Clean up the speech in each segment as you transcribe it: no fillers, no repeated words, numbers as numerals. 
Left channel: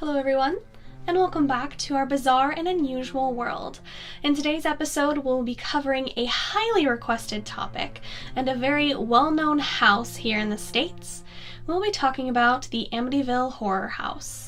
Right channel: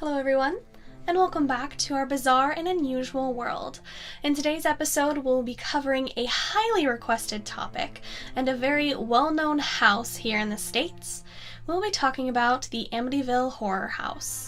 Hello everyone, and welcome back to our bizarre and unusual world. In today's episode, we'll be covering a highly requested topic and a very well-known house here in the States. We'll be talking about the Amityville horror house.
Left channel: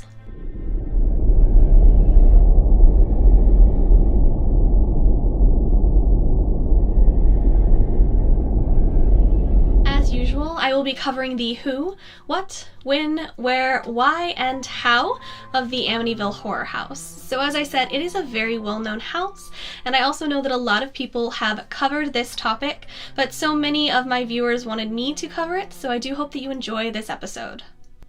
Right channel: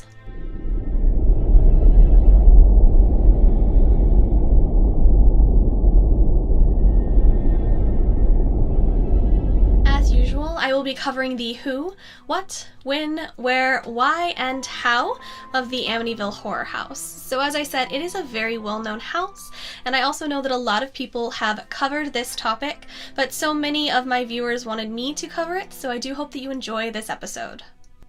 I will be covering the who, what, when, where, why, and how of the Amityville horror house. So as I said, it is a very well-known house, and I also know that a lot of people have covered this topic, but so many of my viewers wanted me to cover it, so I do hope that you enjoy this episode.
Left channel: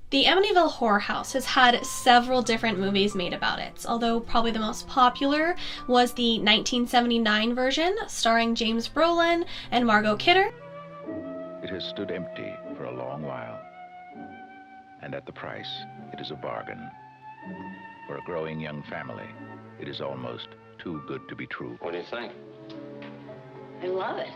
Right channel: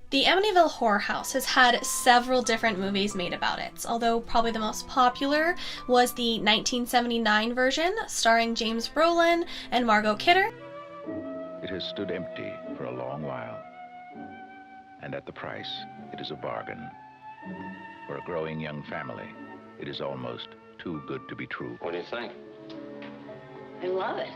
The Amityville horror house has had several different movies made about it, although probably the most popular was the 1979 version starring James Brolin and Margot Kidder. It has stood empty for a long while, and at the price, it is a bargain. For a growing young family, it is almost too good to be true. What do you think? I love it.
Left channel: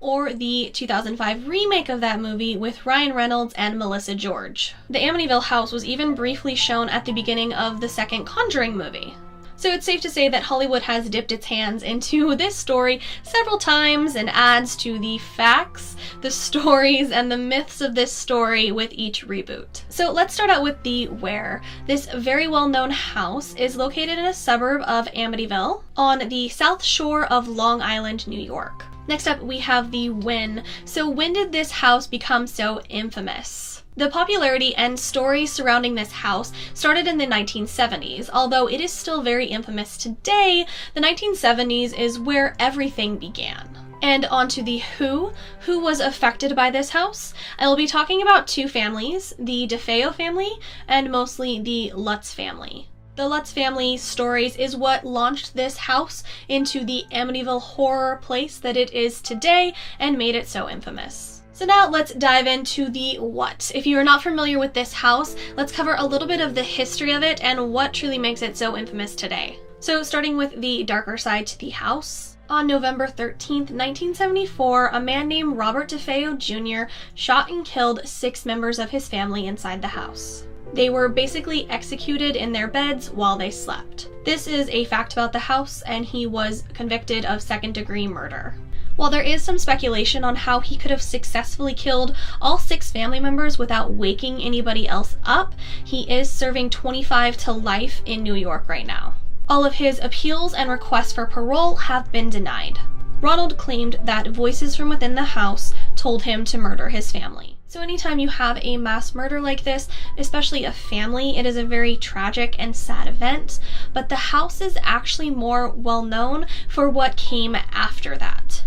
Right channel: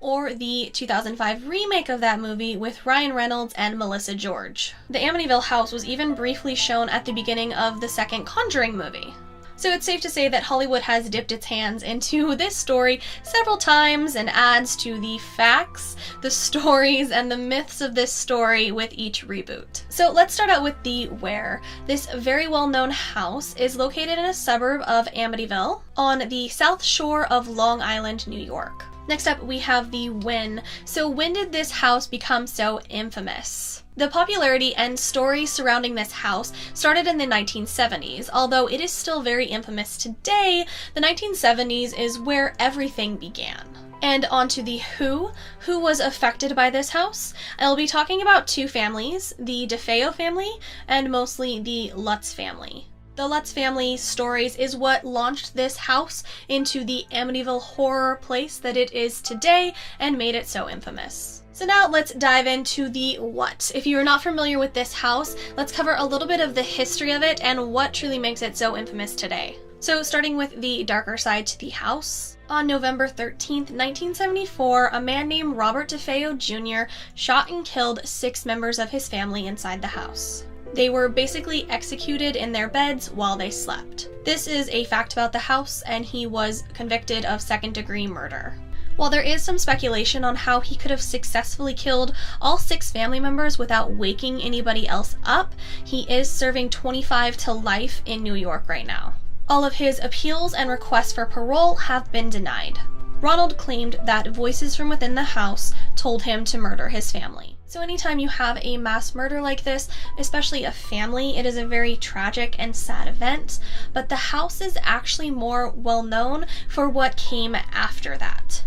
Or the 2005 remake of that movie with Ryan Reynolds and Melissa George. The Amityville house was even briefly shown at the beginning of the second Conjuring movie. So it's safe to say that Hollywood has dipped its hands into this story several times and adds to the facts, the stories, and the myths of this story with each reboot. So let's start out with the where. This very well-known house is located in a suburb of Amityville on the south shore of Long Island, New York. Next up, we have the when. So when did this house become so infamous? The popularity and stories surrounding this house started in the 1970s. Although it is still very infamous today, the 1970s is where everything began. And on to the who was affected by this house. I will be talking about two families, the DeFeo family and mostly the Lutz family. The Lutz family stories is what launched this house into the Amityville horror place that it is today and made it so infamous. So now let's dive into the what. If you are not familiar with this house, let's cover a little bit of the history of it and what truly makes it so infamous today. So starting with the darker side to the house. On November 13th, 1974, a man named Robert DeFeo Jr. shot and killed 6 members of his family inside the house. They were basically executed in their beds while they slept. This is a fact about the house, and he was convicted of second-degree murder. While there is some speculation on how he could have successfully killed all 6 family members without waking anybody else up, he is serving 25 to life in New York right now. All of his appeals and requests for parole have been denied. Ronald claimed that voices from within the house told him to murder his family. So anytime you have a mass murder like this, especially a family, it is a very tragic and sad event, but the house is actually more well known for what came after that.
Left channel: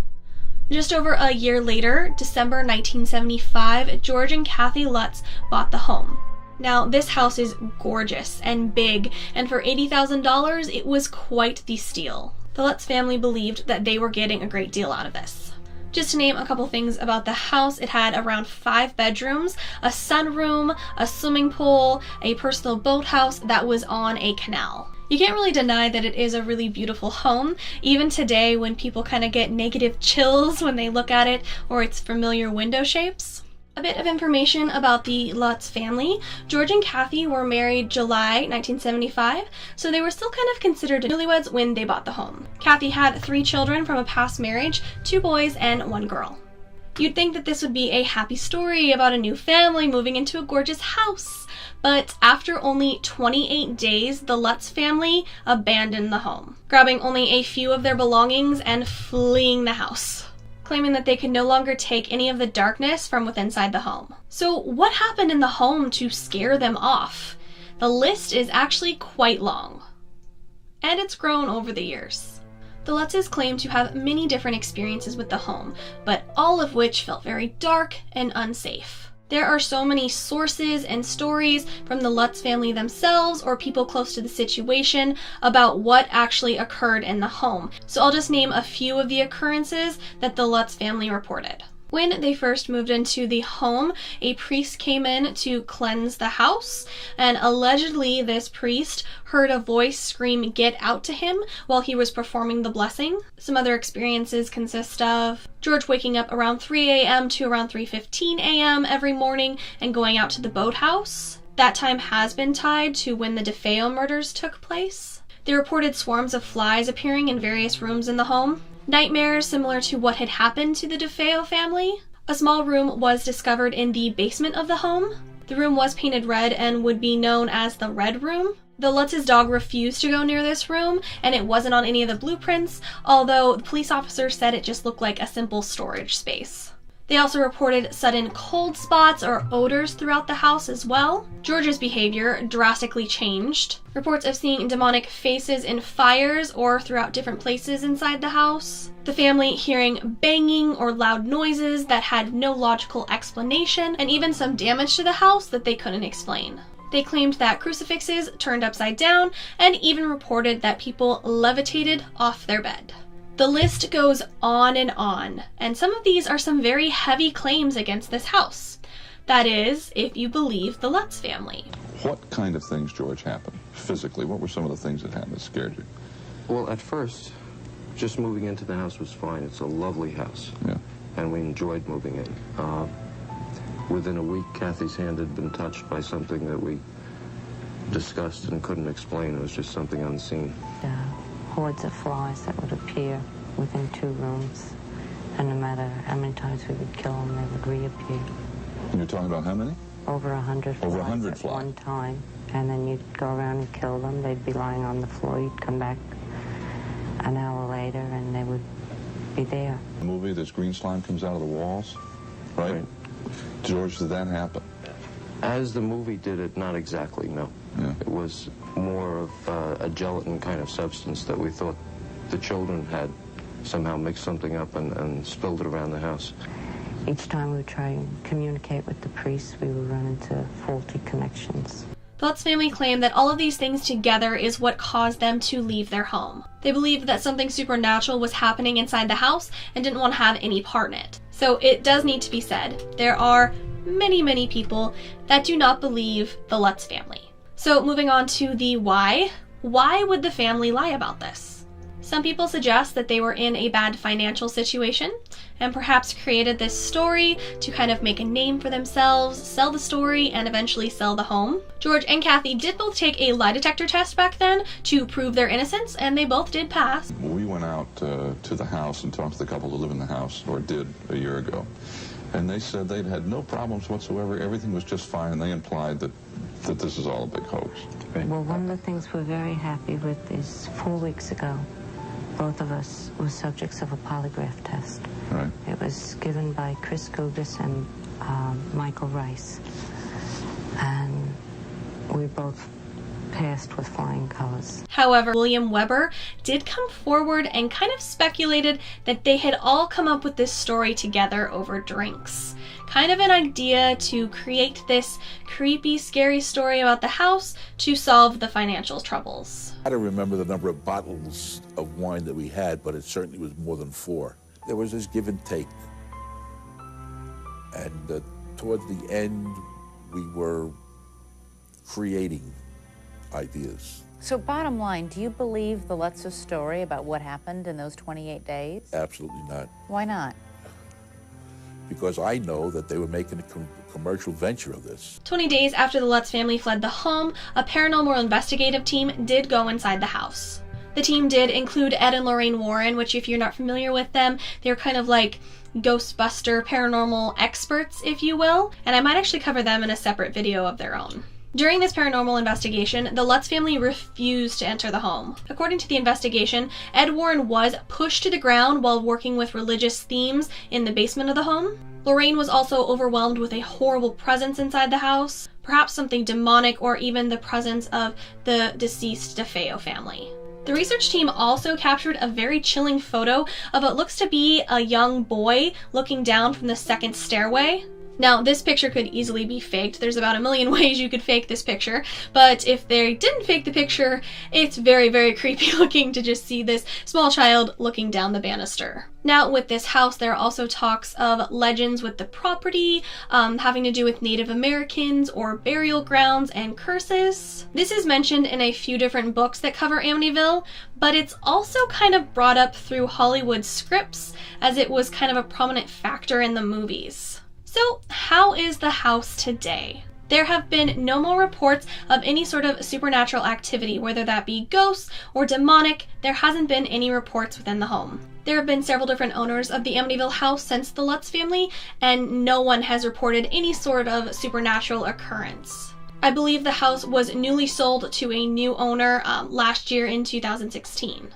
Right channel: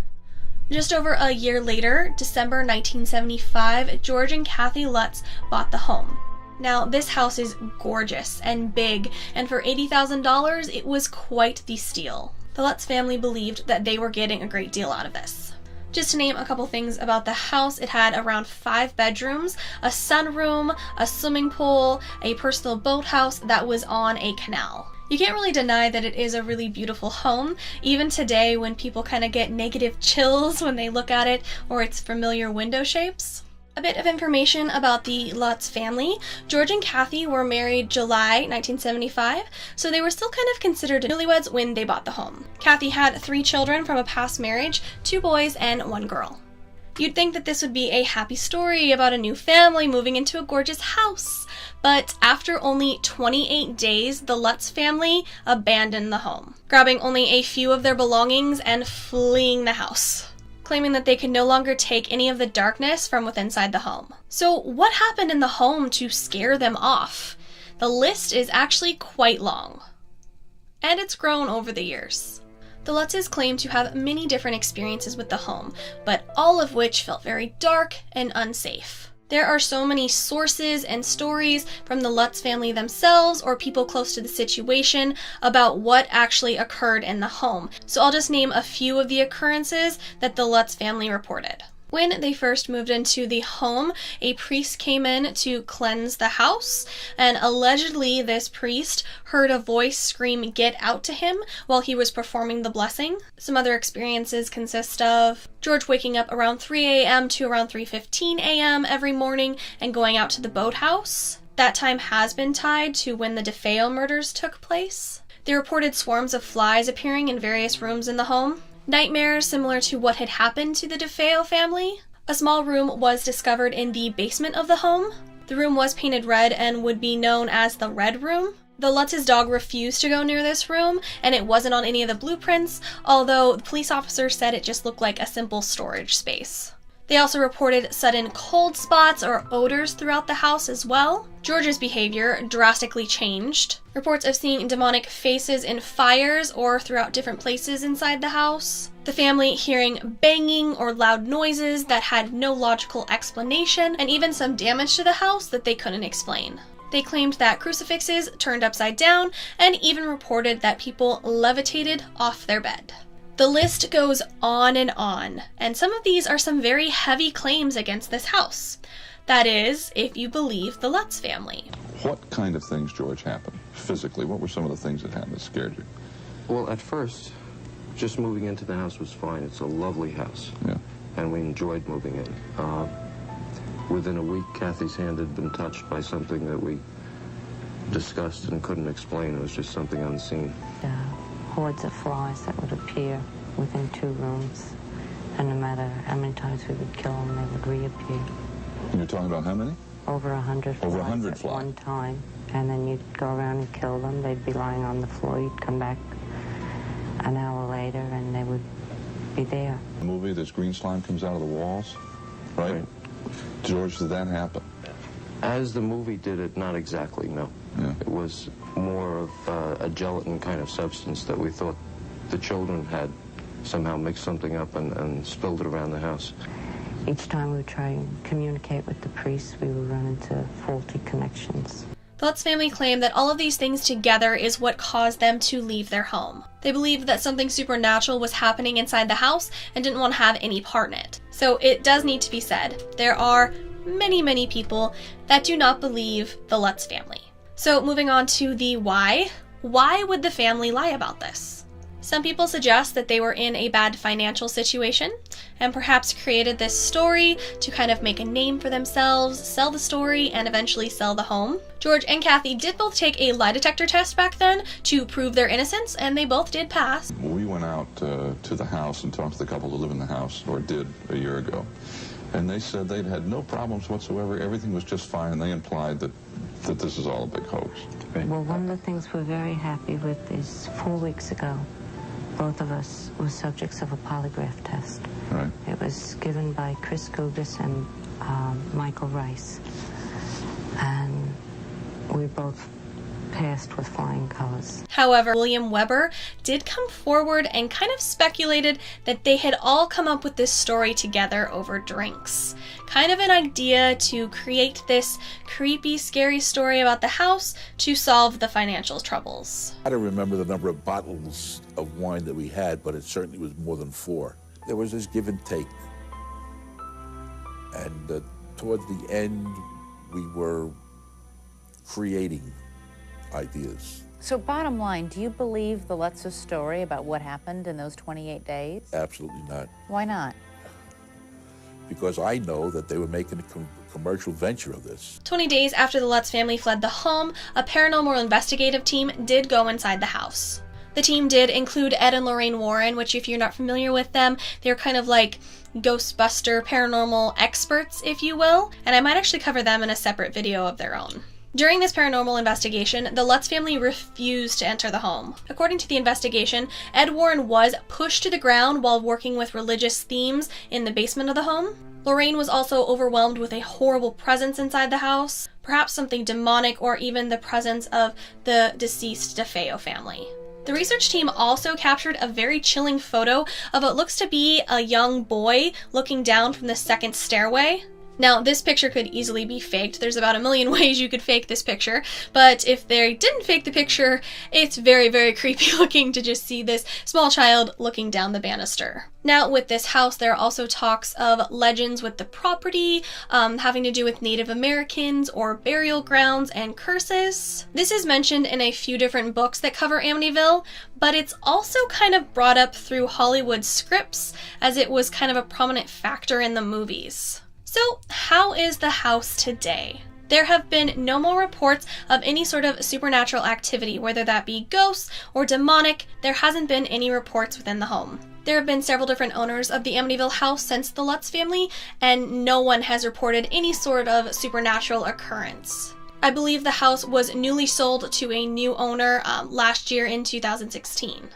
Just over a year later, December 1975, George and Kathy Lutz bought the home. Now, this house is gorgeous and big, and for $80,000, it was quite the steal. The Lutz family believed that they were getting a great deal out of this. Just to name a couple things about the house, it had around 5 bedrooms, a sunroom, a swimming pool, a personal boathouse that was on a canal. You can't really deny that it is a really beautiful home, even today when people kind of get negative chills when they look at it or its familiar window shapes. A bit of information about the Lutz family. George and Kathy were married July 1975, so they were still kind of considered newlyweds when they bought the home. Kathy had 3 children from a past marriage, 2 boys and 1 girl. You'd think that this would be a happy story about a new family moving into a gorgeous house. But after only 28 days, the Lutz family abandoned the home, grabbing only a few of their belongings and fleeing the house, claiming that they could no longer take any of the darkness from inside the home. So what happened in the home to scare them off? The list is actually quite long, and it's grown over the years. The Lutzes claim to have many different experiences with the home, but all of which felt very dark and unsafe. There are so many sources and stories from the Lutz family themselves or people close to the situation about what actually occurred in the home. So I'll just name a few of the occurrences that the Lutz family reported. When they first moved into the home, a priest came in to cleanse the house, and allegedly this priest heard a voice scream, "Get out," to him while he was performing the blessing. Some other experiences consist of George waking up around 3 a.m. to around 3:15 a.m. every morning and going out to the boathouse. That time has been tied to when the DeFeo murders took place. They reported swarms of flies appearing in various rooms in the home. Nightmares similar to what had happened to the DeFeo family. A small room was discovered in the basement of the home. The room was painted red and would be known as the Red Room. The Lutz's dog refused to go near this room, and it wasn't on any of the blueprints, although the police officer said it just looked like a simple storage space. They also reported sudden cold spots or odors throughout the house as well. George's behavior drastically changed. Reports of seeing demonic faces in fires or throughout different places inside the house. The family hearing banging or loud noises that had no logical explanation, and even some damage to the house that they couldn't explain. They claimed that crucifixes turned upside down and even reported that people levitated off their bed. The list goes on, and some of these are some very heavy claims against this house. That is, if you believe the Lutz family. What kind of things, George, happened physically? What were some of the things that happened that scared you? Well, at first, just moving into the house was fine. It's a lovely house. Yeah. And we enjoyed moving in. Within a week, Kathy's hand had been touched by something that we discussed and couldn't explain. It was just something unseen. Hordes of flies that would appear within 2 rooms. And no matter how many times we would kill them, they would reappear. And you're talking about how many? Over 100 flies. Over 100 at flies. one time. And then you'd go around and kill them. They'd be lying on the floor. You'd come back an hour later and they would be there. The movie, this green slime comes out of the walls, right? George, did that happen? As the movie did it, not exactly, no. Yeah. It was more of a gelatin kind of substance that we thought the children had somehow mixed something up and spilled it around the house. Each time we would try and communicate with the priests, we would run into faulty connections. The Lutz family claimed that all of these things together is what caused them to leave their home. They believed that something supernatural was happening inside the house and didn't want to have any part in it. So it does need to be said, there are many people that do not believe the Lutz family. So moving on to the why. Why would the family lie about this? Some people suggest that they were in a bad financial situation and perhaps created this story to kind of make a name for themselves, sell the story, and eventually sell the home. George and Kathy did both take a lie detector test back then to prove their innocence, and they both did pass. We went out to the house and talked to the couple that live in the house, or did a year ago. And they said they'd had no problems whatsoever. Everything was just fine. And they implied that this is all a big hoax. Well, one of the things we're very happy with is 4 weeks ago, both of us were subjects of a polygraph test. Right. It was given by Chris Gugas and Michael Rice. And we both passed with flying colors. However, William Weber did come forward and kind of speculated that they had all come up with this story together over drinks. Kind of an idea to create this creepy, scary story about the house to solve the financial troubles. I don't remember the number of bottles of wine that we had, but it certainly was more than 4. There was this give and take. And towards the end, we were creating ideas. So bottom line, do you believe the Lutz's story about what happened in those 28 days? Absolutely not. Why not? Because I know that they were making a commercial venture of this. 20 days after the Lutz family fled the home, a paranormal investigative team did go inside the house. The team did include Ed and Lorraine Warren, which if you're not familiar with them, they're kind of like Ghostbuster paranormal experts, if you will, and I might actually cover them in a separate video of their own. During this paranormal investigation, the Lutz family refused to enter the home. According to the investigation, Ed Warren was pushed to the ground while working with religious themes in the basement of the home. Lorraine was also overwhelmed with a horrible presence inside the house, perhaps something demonic or even the presence of the deceased DeFeo family. The research team also captured a very chilling photo of what looks to be a young boy looking down from the second stairway. Now, this picture could easily be faked. There's about a million ways you could fake this picture, but if they didn't fake the picture, it's very creepy looking to just see this small child looking down the banister. Now, with this house, there are also talks of legends with the property, having to do with Native Americans or burial grounds and curses. This is mentioned in a few different books that cover Amityville, but it's also kind of brought up through Hollywood scripts as it was kind of a prominent factor in the movies. So, how is the house today? There have been no more reports of any sort of supernatural activity, whether that be ghosts or demonic. There hasn't been any reports within the home. There have been several different owners of the Amityville house since the Lutz family, and no one has reported any sort of supernatural occurrence. I believe the house was newly sold to a new owner last year in 2016.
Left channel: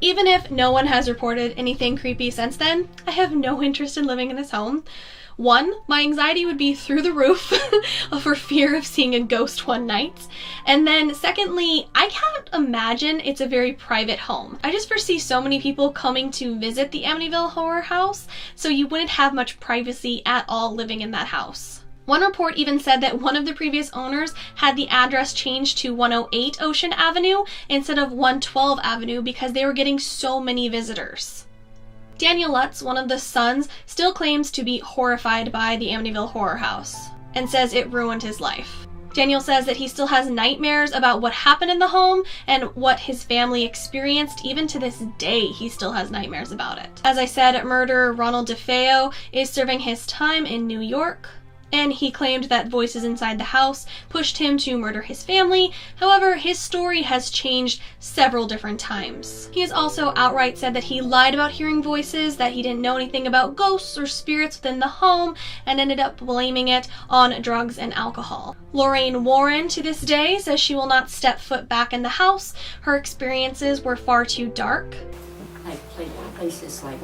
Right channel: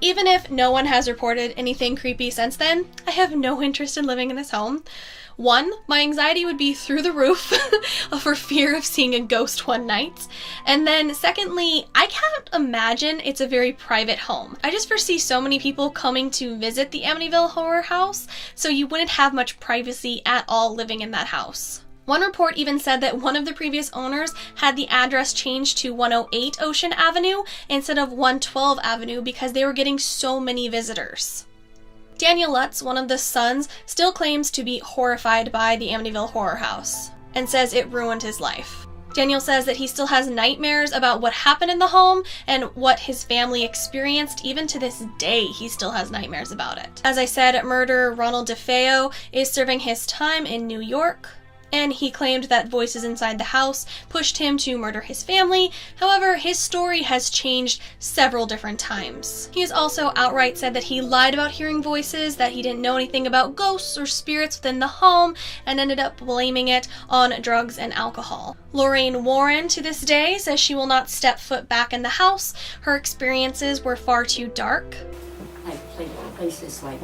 Even if no one has reported anything creepy since then, I have no interest in living in this home. One, my anxiety would be through the roof for fear of seeing a ghost one night. And then secondly, I can't imagine it's a very private home. I just foresee so many people coming to visit the Amityville horror house, so you wouldn't have much privacy at all living in that house. One report even said that one of the previous owners had the address changed to 108 Ocean Avenue instead of 112 Avenue because they were getting so many visitors. Daniel Lutz, one of the sons, still claims to be horrified by the Amityville horror house and says it ruined his life. Daniel says that he still has nightmares about what happened in the home and what his family experienced. Even to this day, he still has nightmares about it. As I said, murderer Ronald DeFeo is serving his time in New York, and he claimed that voices inside the house pushed him to murder his family. However, his story has changed several different times. He has also outright said that he lied about hearing voices, that he didn't know anything about ghosts or spirits within the home, and ended up blaming it on drugs and alcohol. Lorraine Warren, to this day, says she will not step foot back in the house. Her experiences were far too dark. Like places like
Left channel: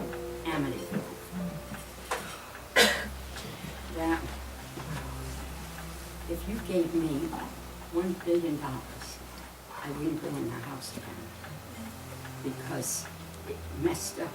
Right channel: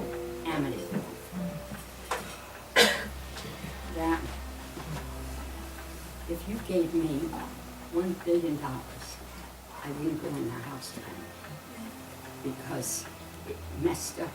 Amityville. That if you gave me $1 billion, I wouldn't go in that house again because it messed up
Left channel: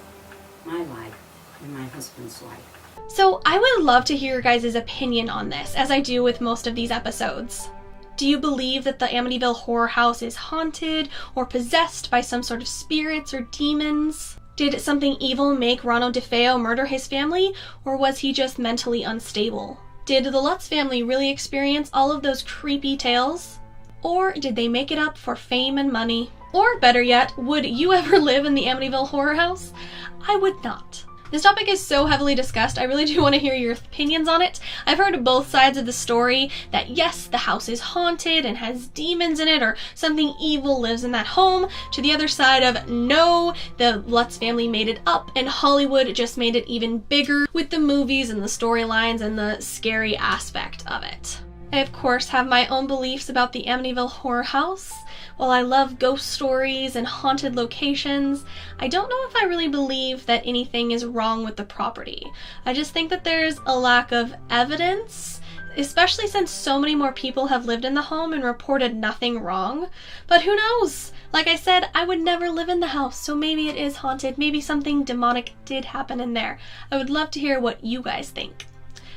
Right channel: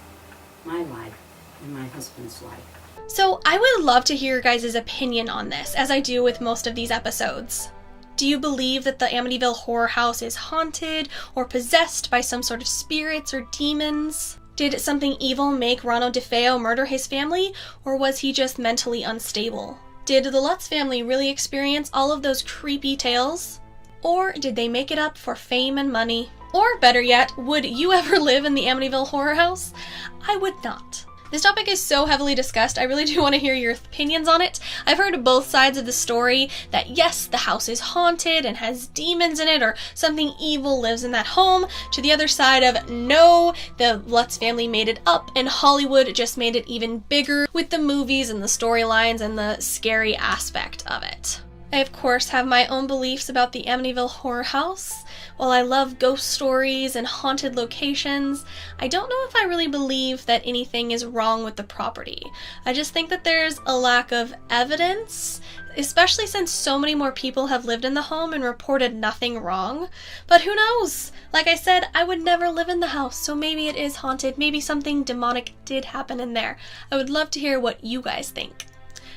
my life and my husband's life. So I would love to hear your guys' opinion on this, as I do with most of these episodes. Do you believe that the Amityville horror house is haunted or possessed by some sort of spirits or demons? Did something evil make Ronald DeFeo murder his family, or was he just mentally unstable? Did the Lutz family really experience all of those creepy tales? Or did they make it up for fame and money? Or better yet, would you ever live in the Amityville horror house? I would not. This topic is so heavily discussed, I really do want to hear your opinions on it. I've heard both sides of the story, that yes, the house is haunted and has demons in it, or something evil lives in that home, to the other side of no, the Lutz family made it up, and Hollywood just made it even bigger with the movies and the storylines and the scary aspect of it. I, of course, have my own beliefs about the Amityville horror house. While I love ghost stories and haunted locations, I don't know if I really believe that anything is wrong with the property. I just think that there's a lack of evidence, especially since so many more people have lived in the home and reported nothing wrong. But who knows? Like I said, I would never live in the house, so maybe it is haunted. Maybe something demonic did happen in there. I would love to hear what you guys think.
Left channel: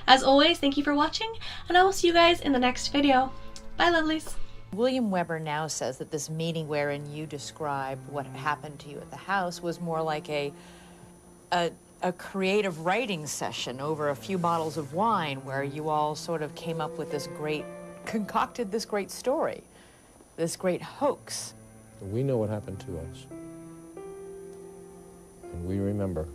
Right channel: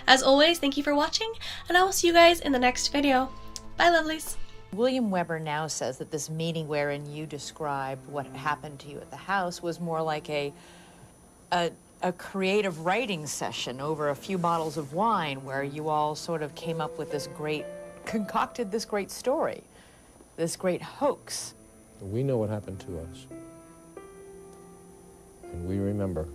As always, thank you for watching, and I will see you guys in the next video. Bye, lovelies. William Weber now says that this meeting wherein you described what happened to you at the house was more like a creative writing session over a few bottles of wine where you all sort of came up with this concocted this great story, this great hoax. We know what happened to us. And we remember.